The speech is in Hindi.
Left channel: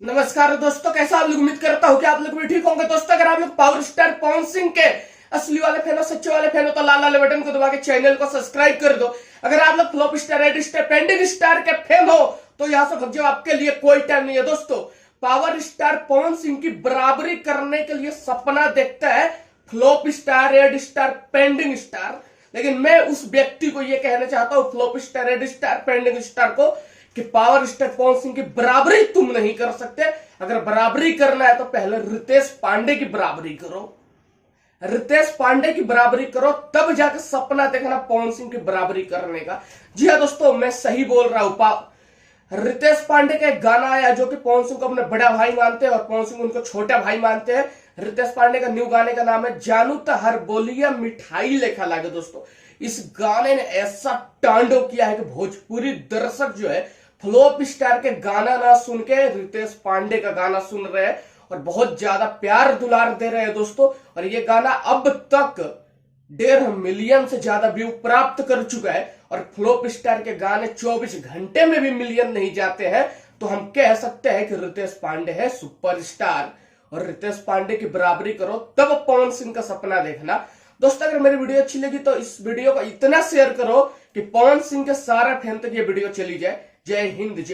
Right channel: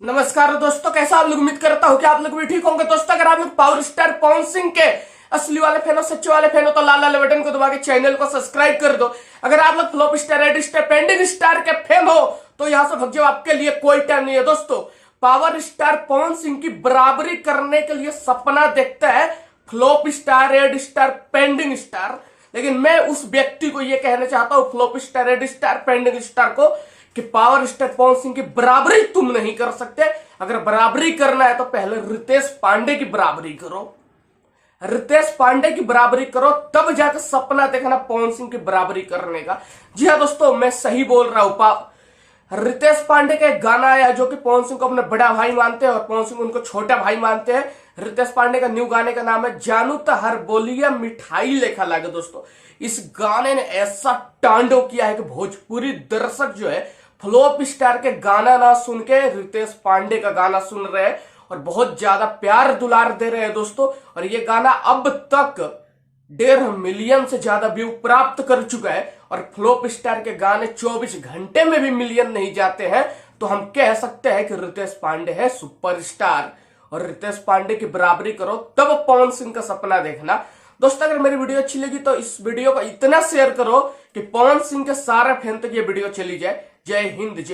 नमस्कार दोस्तों, कैसा आप लोग? उम्मीद करता हूँ कि आप लोग भी ठीक होंगे। दोस्तों, अगर आप लोग पावर स्टार पवन सिंह के असली वाले फैन हो, सच्चे वाले फैन हो, तो लाल वाले बटन को दबा के चैनल को सब्सक्राइब कर दो। अगर आप लोग flop star, red star, pending star के फैन हो तो यहां से भग जाओ, आपके लिए कोई टाइम नहीं है। दोस्तों, पावर स्टार पवन सिंह की बराबरी करने के लिए सपना देखता है flop star, red star, pending star. लेकिन मैं उस व्यक्ति को यह कहना चाहता हूं, flop star, red star, pending star को, कि पावर स्टार पवन सिंह की बराबरी तुम नहीं कर सकते। अगर बराबरी करना है तो पहले रितेश पांडे की बराबरी करो। रितेश पांडे की बराबरी करो, तब जाकर सपना देखना पवन सिंह की बराबरी करने का। जी हाँ दोस्तों, मैं सही बोल रहा हूं। रितेश पांडे का एक गाना आया जो कि पवन सिंह को अपने बड़ा भाई मानते हैं और पवन सिंह उनको छोटा भाई मानते हैं। रितेश पांडे का न्यू गाने का नाम है जानू तो हर बोलिया मिठाई लेखा लागे। दोस्तों, इस गाने ने ऐसा तांडव किया है कि भोजपुरी दर्शक जो है फ्लॉप स्टार के गाना ना सुन के रितेश पांडे का गाना सुन रहे हैं और बहुत ज्यादा प्यार दुलार दे रहे हैं दोस्तों। और ये गाना अब तक 1.5 मिलियन से ज्यादा व्यू प्राप्त कर चुका है। और फ्लॉप स्टार के गाने 24 घंटे में भी मिलियन नहीं जाते हैं, तो हम कह सकते हैं कि रितेश पांडे है सुपरस्टार। और रितेश पांडे की बराबरी करो, तब पवन सिंह का सपना देखना। दोस्तों, अगर मेरी वीडियो अच्छी लगी तो इस वीडियो को इतना शेयर करो कि पवन सिंह के सारे फैन तक ये वीडियो चली जाए। जय हिंद, जय